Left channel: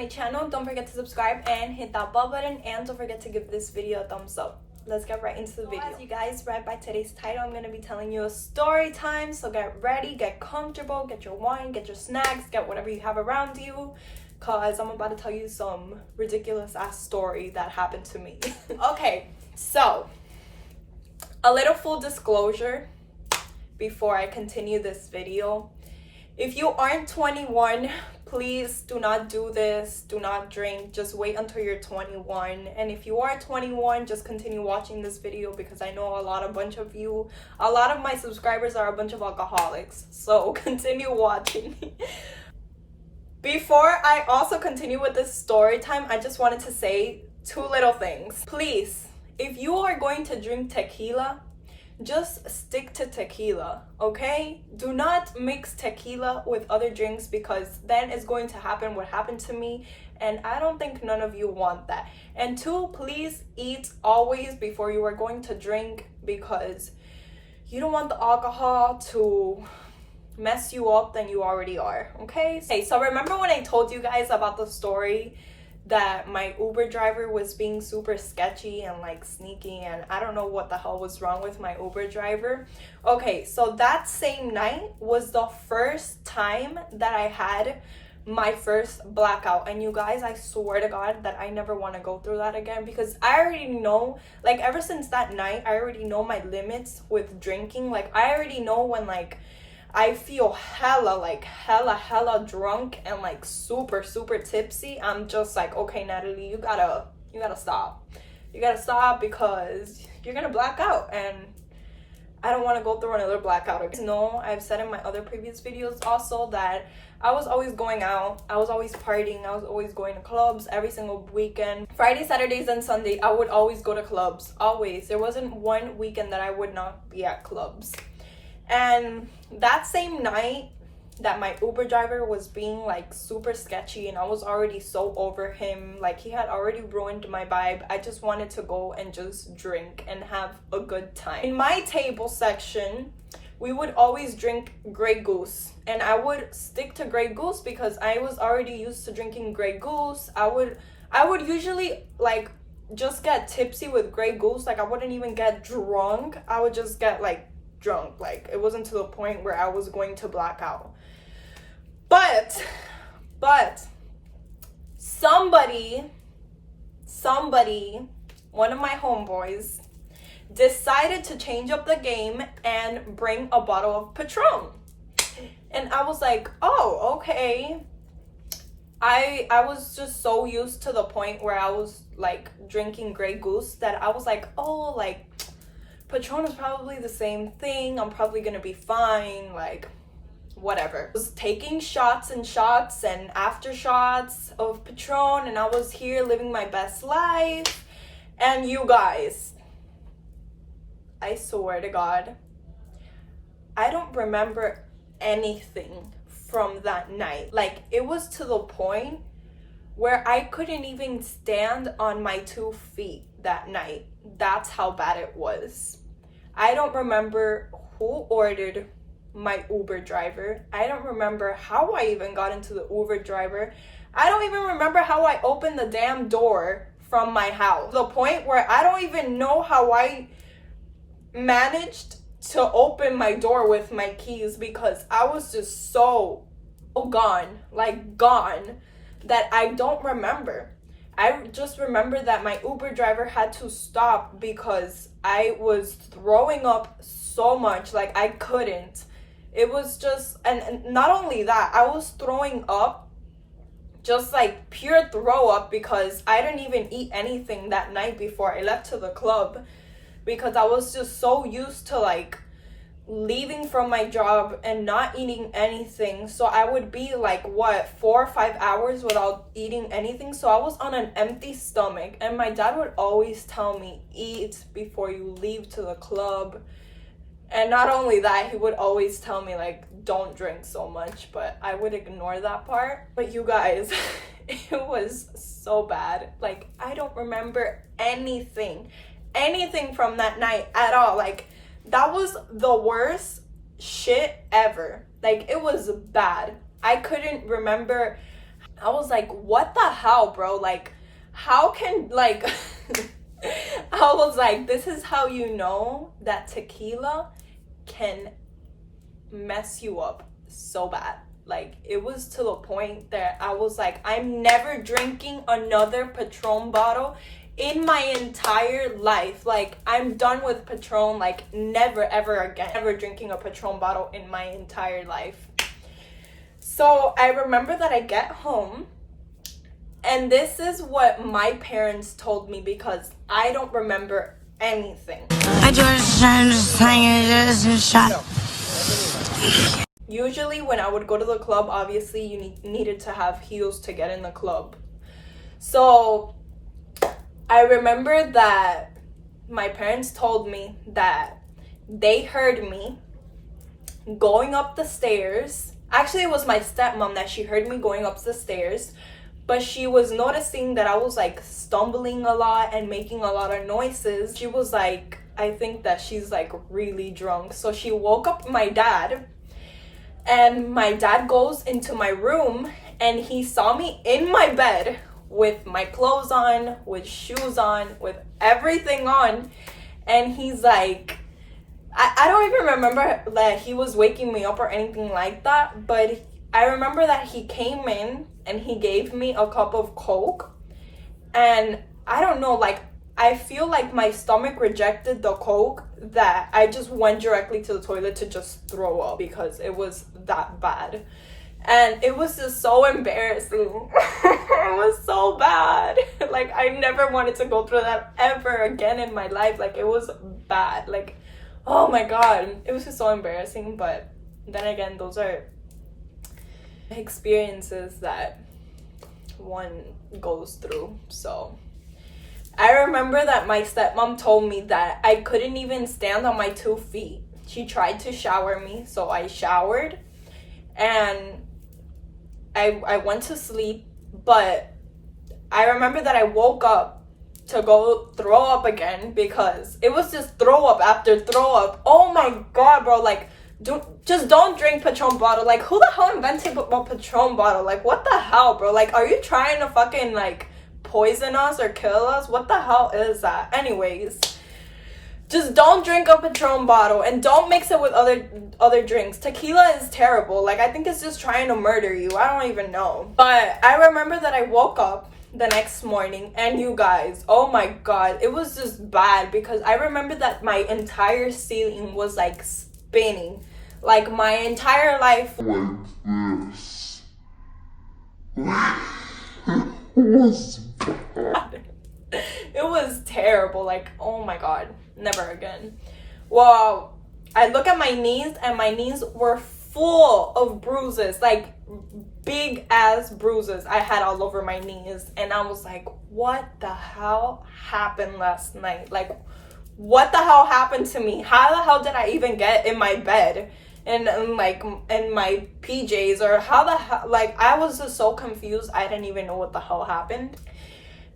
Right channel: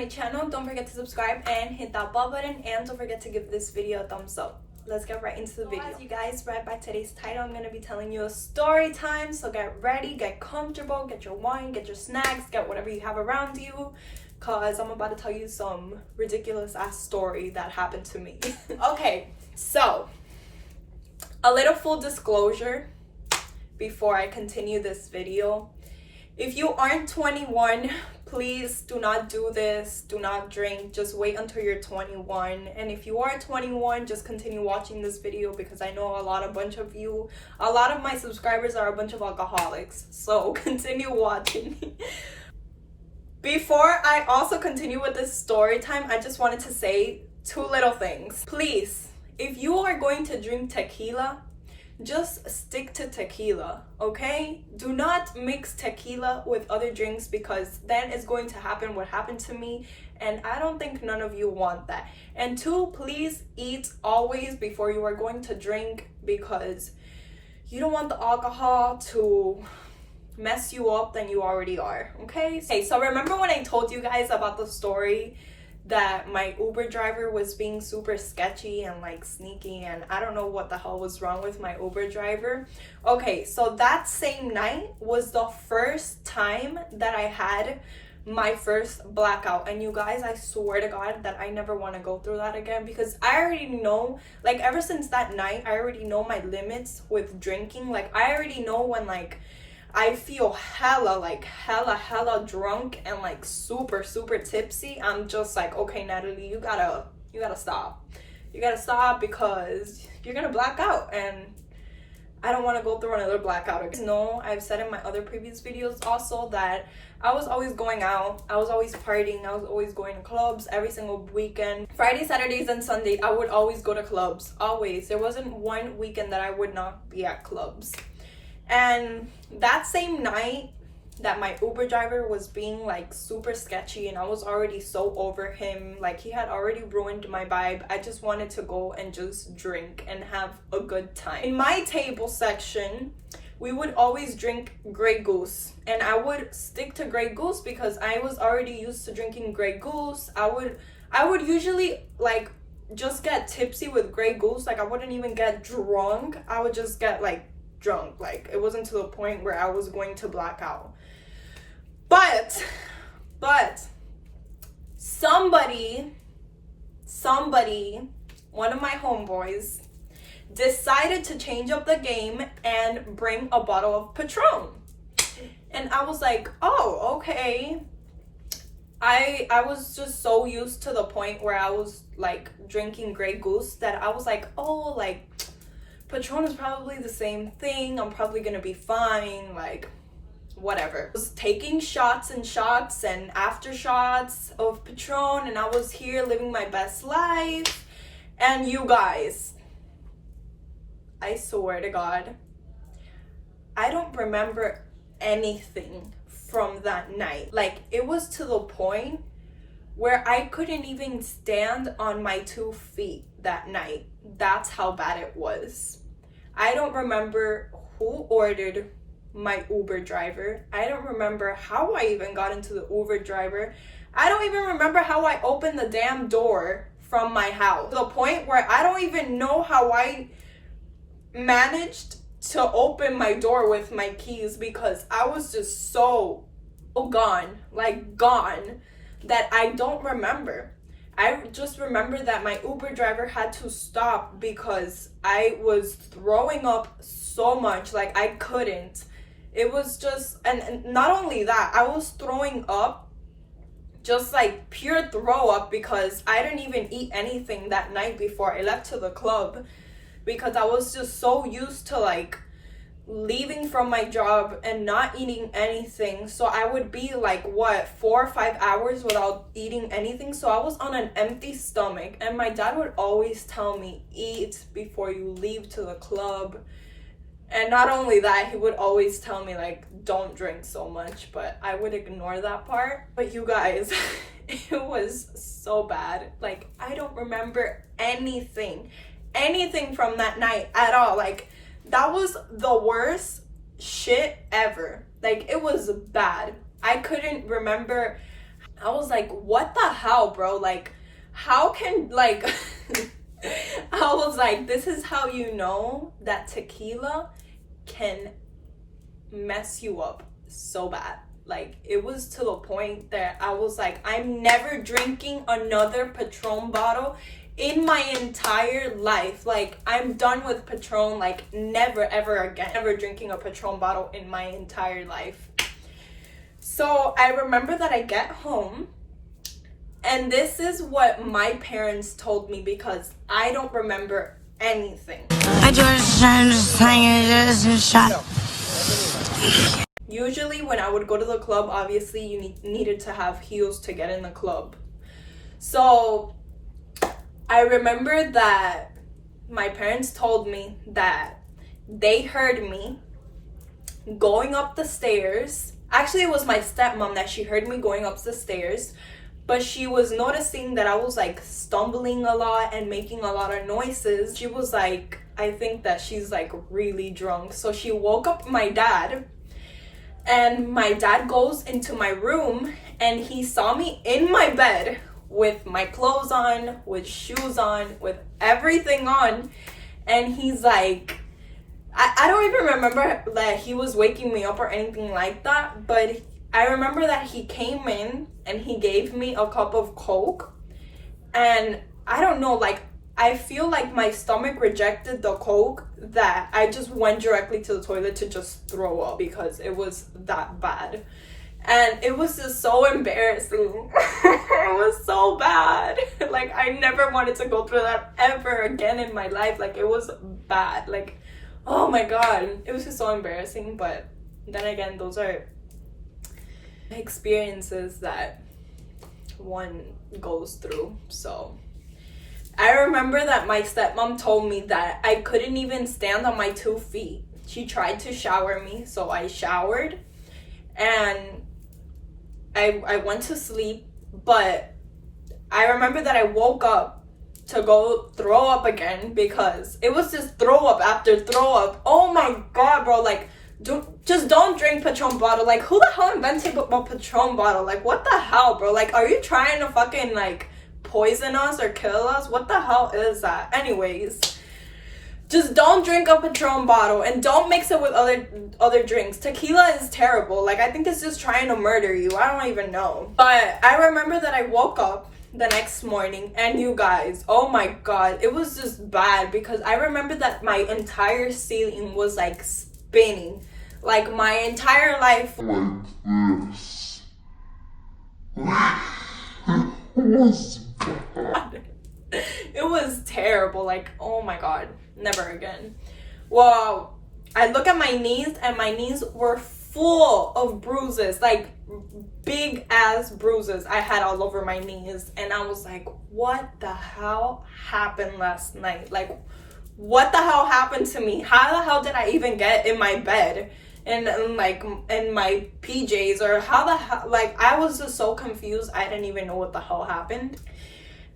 my channel, don't forget to subscribe and hit that bell button, and don't forget to give this video a thumbs up. Let's get right into the video. As you guys read by today's title, I'm going to be telling you a story time. So get ready, get comfortable, get your wine, get your snacks, get whatever you have around you, because I'm about to tell you some ridiculous ass story that happened to me. Okay, so a little full disclosure before I continue this video. If you aren't 21, please do not do this. Do not drink. Just wait until you're 21. And if you are 21, just continue watching this video, because I know a lot of my subscribers are a bunch of alcoholics. So continue watching. Before I also continue with this story time, I just wanted to say two little things. Please, if you are going to drink tequila, just stick to tequila, okay? Do not mix tequila with other drinks, because then it's going to happen what happened to me, and I don't think none of you want that. And two, please eat always before you are going to drink, because you don't want the alcohol to mess you up than you already are, okay? Hey, so remember when I told you guys about the story that my Uber driver was being super sketchy and like sneaky, and I don't know what the hell was wrong with my Uber driver? Okay, so that same night was the first time that I had my first blackout, and you guys, I swear to God that I never want to go through that again, because I already know, like, ever since that night, I already know my limits with drinking. Like, I already know when like I feel hella drunk and like super tipsy, I'm just like, okay, Natalie, you gotta stop. You gotta stop, because you're gonna black out, and I don't want to go through another blackout again. No, I've said in my other previous videos also that I was always going out, I was always partying, I was always going to clubs every single weekend. Friday, Saturdays, and Sunday, I would always go to clubs, always. There wasn't one weekend that I would not be at clubs. And that same night that my Uber driver was being like super sketchy, and I was already so over him, like he had already ruined my vibe, I just wanted to go and just drink and have a good time. In my table section, we would always drink Grey Goose, and I would stick to Grey Goose because I was already used to drinking Grey Goose. I would usually like just get tipsy with Grey Goose. Like, I wouldn't even get drunk, I would just get like drunk. Like, it wasn't to the point where I was going to black out. But somebody, one of my homeboys decided to change up the game and bring a bottle of Patron. And I was like, oh, okay. I was just so used to the point where I was like drinking Grey Goose that I was like, oh, like Patron is probably the same thing, I'm probably gonna be fine, like whatever. I was taking shots and after shots of Patron, and I was here living my best life. And you guys, I swear to God, I don't remember anything from that night. Like, it was to the point where I couldn't even stand on my 2 feet that night. That's how bad it was. I don't remember who ordered my Uber driver. I don't remember how I even got into the Uber driver. I don't even remember how I opened the damn door from my house. To the point where I don't even know how I managed to open my door with my keys, because I was just so gone, that I don't remember. I just remember that my Uber driver had to stop because I was throwing up so much, like I couldn't. It was just, and not only that, I was throwing up, just like pure throw up, because I didn't even eat anything that night before I left to the club, because I was just so used to like leaving from my job and not eating anything. So I would be like, what, 4 or 5 hours without eating anything. So I was on an empty stomach, and my dad would always tell me, eat before you leave to the club. And not only that, he would always tell me like, don't drink so much, but I would ignore that part. But you guys, it was so bad. Like, I don't remember anything from that night at all. Like, that was the worst shit ever. Like, it was bad. I couldn't remember I was like, what the hell, bro? Like, how can, like, I was like, this is how you know that tequila can mess you up so bad. Like, it was to the point that I was like, I'm never drinking another Patron bottle in my entire life. Like, I'm done with Patron. Like, never ever again, ever drinking a Patron bottle in my entire life. So I remember that I get home, and this is what my parents told me because I don't remember anything. Usually when I would go to the club, obviously you needed to have heels to get in the club. So I remember that my parents told me that they heard me going up the stairs. Actually, it was my stepmom that she heard me going up the stairs, but she was noticing that I was like stumbling a lot and making a lot of noises. She was like, I think that she's like really drunk. So she woke up my dad, and my dad goes into my room and he saw me in my bed with my clothes on, with shoes on, with everything on, and he's like, I don't even remember that he was waking me up or anything like that, but I remember that he came in and he gave me a cup of Coke, and I don't know, like, I feel like my stomach rejected the Coke, that I just went directly to the toilet to just throw up because it was that bad. And it was just so embarrassing. It was so bad. Like, I never wanted to go through that ever again in my life. Like, it was bad. Like, oh my god, it was just so embarrassing. But then again, those are experiences that one goes through. So I remember that my stepmom told me that I couldn't even stand on my 2 feet. She tried to shower me, so I showered and I went to sleep, but I remember that I woke up to go throw up again because it was just throw up after throw up. Oh my god, bro, like, just don't drink Patron bottle. Like, who the hell invented a Patron bottle? Like, what the hell, bro? Like, are you trying to fucking, like, poison us or kill us? What the hell is that? Anyways, just don't drink a Patron bottle and don't mix it with other drinks. Tequila is terrible. Like, I think it's just trying to murder you. I don't even know. But I remember that I woke up the next morning, and you guys, oh my god, it was just bad because I remember that my entire ceiling was like spinning. Like, my entire life it was terrible. Like, oh my god, never again. Well, I look at my knees and my knees were full of bruises, like big ass bruises I had all over my knees, and I was like, what the hell happened last night? Like, what the hell happened to me? How the hell did I even get in my bed and like in my PJs, or how the hell? Like, I was just so confused. I didn't even know what the hell happened.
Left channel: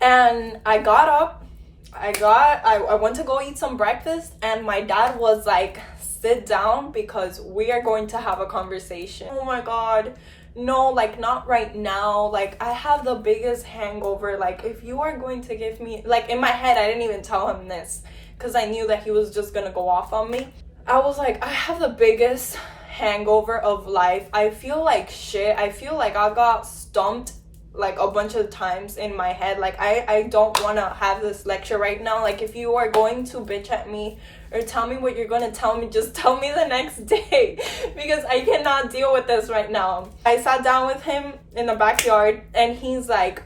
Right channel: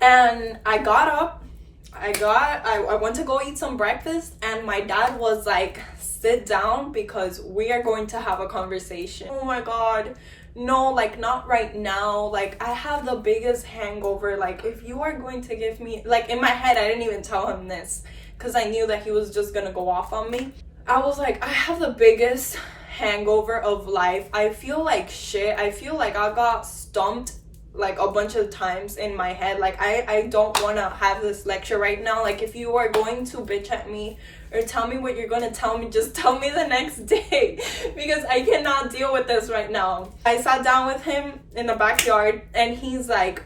And I got up, I went to go eat some breakfast, and my dad was like, sit down because we are going to have a conversation. Oh my god, no, like, not right now. Like, I have the biggest hangover. Like, if you are going to give me, like, in my head, I didn't even tell him this because I knew that he was just gonna go off on me. I was like, I have the biggest hangover of life. I feel like shit. I feel like I got stumped like a bunch of times in my head. Like, I don't want to have this lecture right now. Like, if you are going to bitch at me or tell me what you're gonna tell me, just tell me the next day because I cannot deal with this right now. I sat down with him in the backyard, and he's like,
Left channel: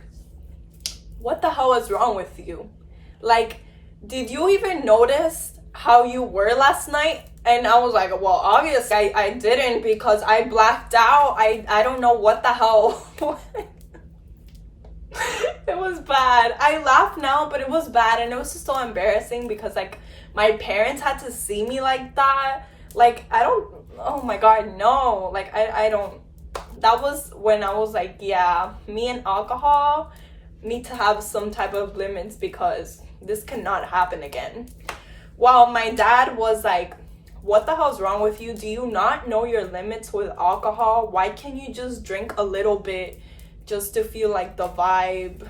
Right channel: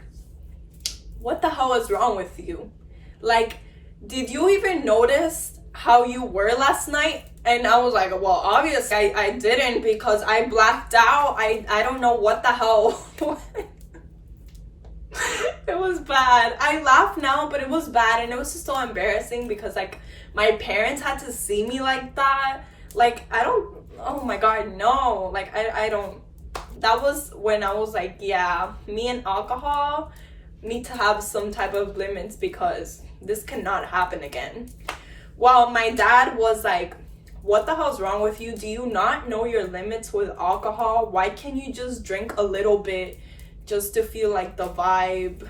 what the hell is wrong with you? Like, did you even notice how you were last night? And I was like, well, obviously I didn't because I blacked out. I don't know what the hell. It was bad. I laugh now, but it was bad, and it was just so embarrassing because, like, my parents had to see me like that. Like, I don't, oh my god, no. Like, I don't, that was when I was like, yeah, me and alcohol need to have some type of limits because this cannot happen again. Well, my dad was like, what the hell's wrong with you? Do you not know your limits with alcohol? Why can't you just drink a little bit just to feel like the vibe.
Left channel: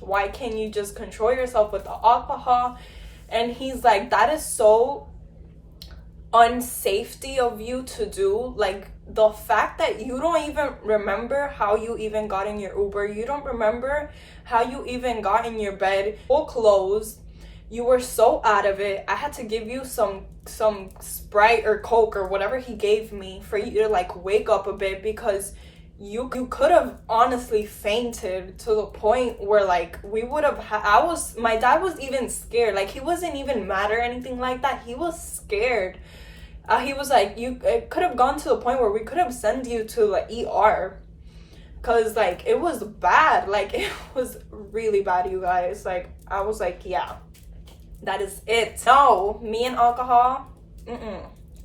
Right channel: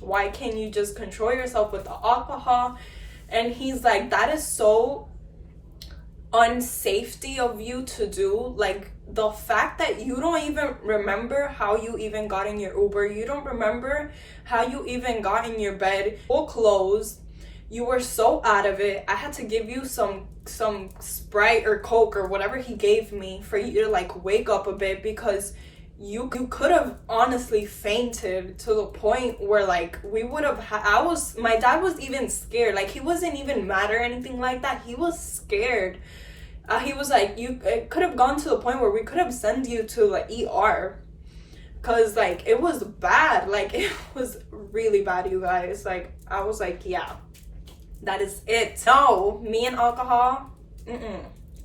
Why can't you just control yourself with the alcohol? And he's like, that is so unsafety of you to do. Like, the fact that you don't even remember how you even got in your Uber, you don't remember how you even got in your bed, full clothes, you were so out of it. I had to give you some Sprite or Coke or whatever he gave me for you to like wake up a bit, because you could have honestly fainted, to the point where like we would have my dad was even scared. Like, he wasn't even mad or anything like that, he was scared. He was like, it could have gone to the point where we could have sent you to like ER, because like it was bad. Like, it was really bad, you guys. Like, I was like, yeah, that is it. No, me and alcohol,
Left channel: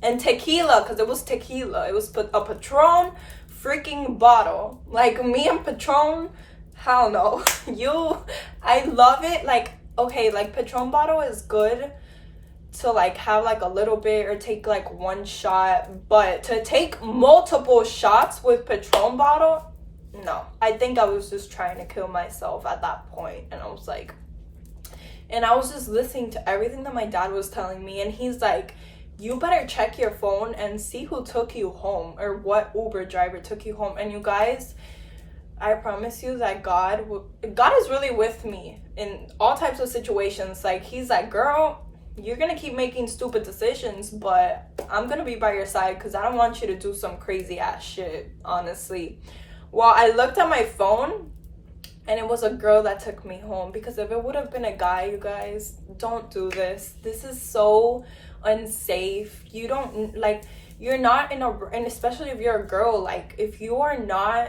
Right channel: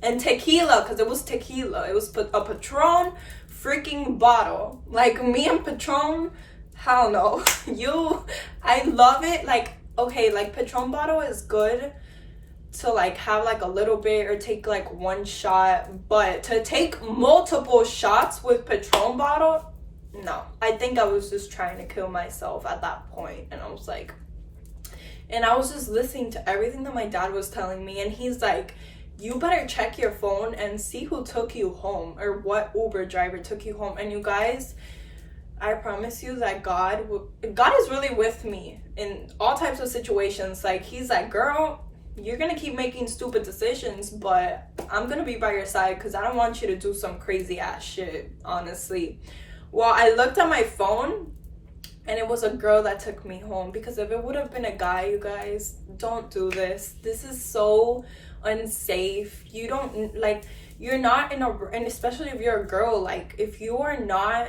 and tequila, because it was tequila, it was a Patron freaking bottle. Like, me and Patron, hell no. I love it. Like, okay, like Patron bottle is good to like have like a little bit or take like one shot, but to take multiple shots with Patron bottle, no. I think I was just trying to kill myself at that point. And I was like, and I was just listening to everything that my dad was telling me, and he's like, you better check your phone and see who took you home, or what Uber driver took you home. And you guys, I promise you that God is really with me in all types of situations. Like, he's like, girl, you're gonna keep making stupid decisions, but I'm gonna be by your side, because I don't want you to do some crazy ass shit, honestly. Well, I looked at my phone and it was a girl that took me home, because if it would have been a guy, you guys, don't do this. This is so unsafe. You don't, like, you're not and especially if you're a girl, like, if you are not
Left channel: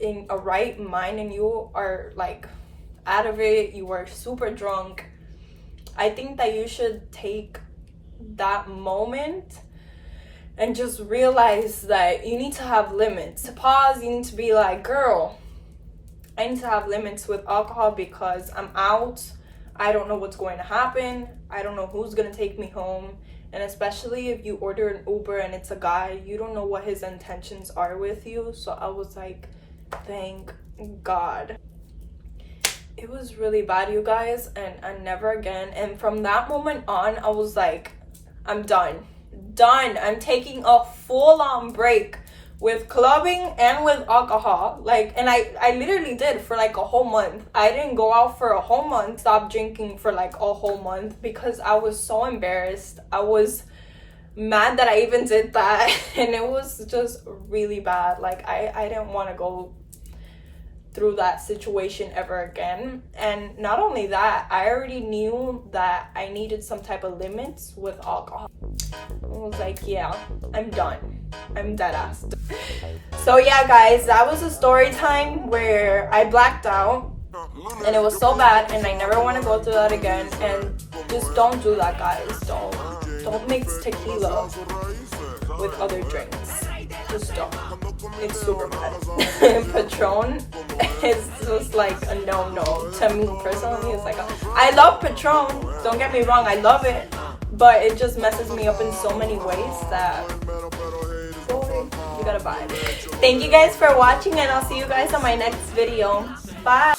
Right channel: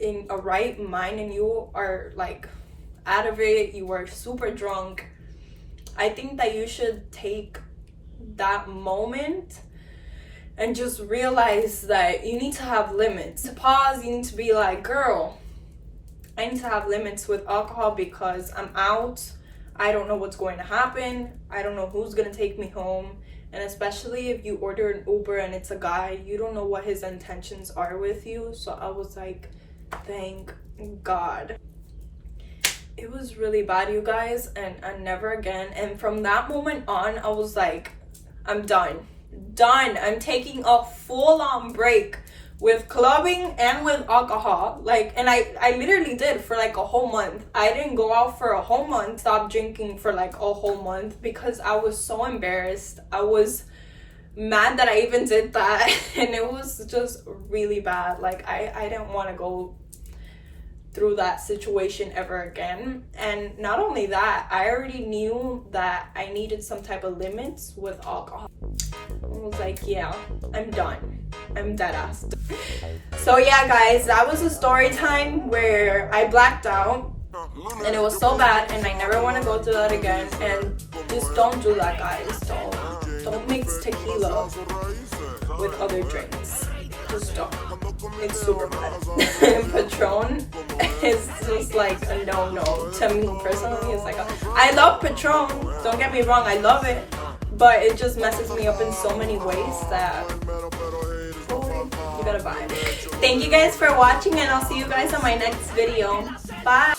in a right mind and you are like out of it, you are super drunk, I think that you should take that moment and just realize that you need to have limits. To pause, you need to be like, girl, I need to have limits with alcohol, because I'm out. I don't know what's going to happen. I don't know who's going to take me home. And especially if you order an Uber and it's a guy, you don't know what his intentions are with you. So I was like, thank God. It was really bad, you guys, and never again. And from that moment on, I was like, I'm done. I'm taking a full-on break with clubbing and with alcohol. Like, and I literally did for like a whole month. I didn't go out for a whole month, stopped drinking for like a whole month, because I was so embarrassed. I was mad that I even did that, and it was just really bad. Like, I didn't want to go through that situation ever again. And not only that, I already knew that I needed some type of limits with alcohol. I was like, yeah, I'm done. I'm dead ass. So yeah, guys, that was a story time where I blacked out, and it was so bad, and I never want to go through that again. And just don't do that, guys. Don't mix tequila with other drinks. Just don't. It's super bad. Patron is just like a no-no to me personally. It's like I love Patron, don't get me wrong, I love it, but it just messes me up in so many ways that you gotta buy it. Thank you guys for watching, and I'll see you guys on my next video. Bye.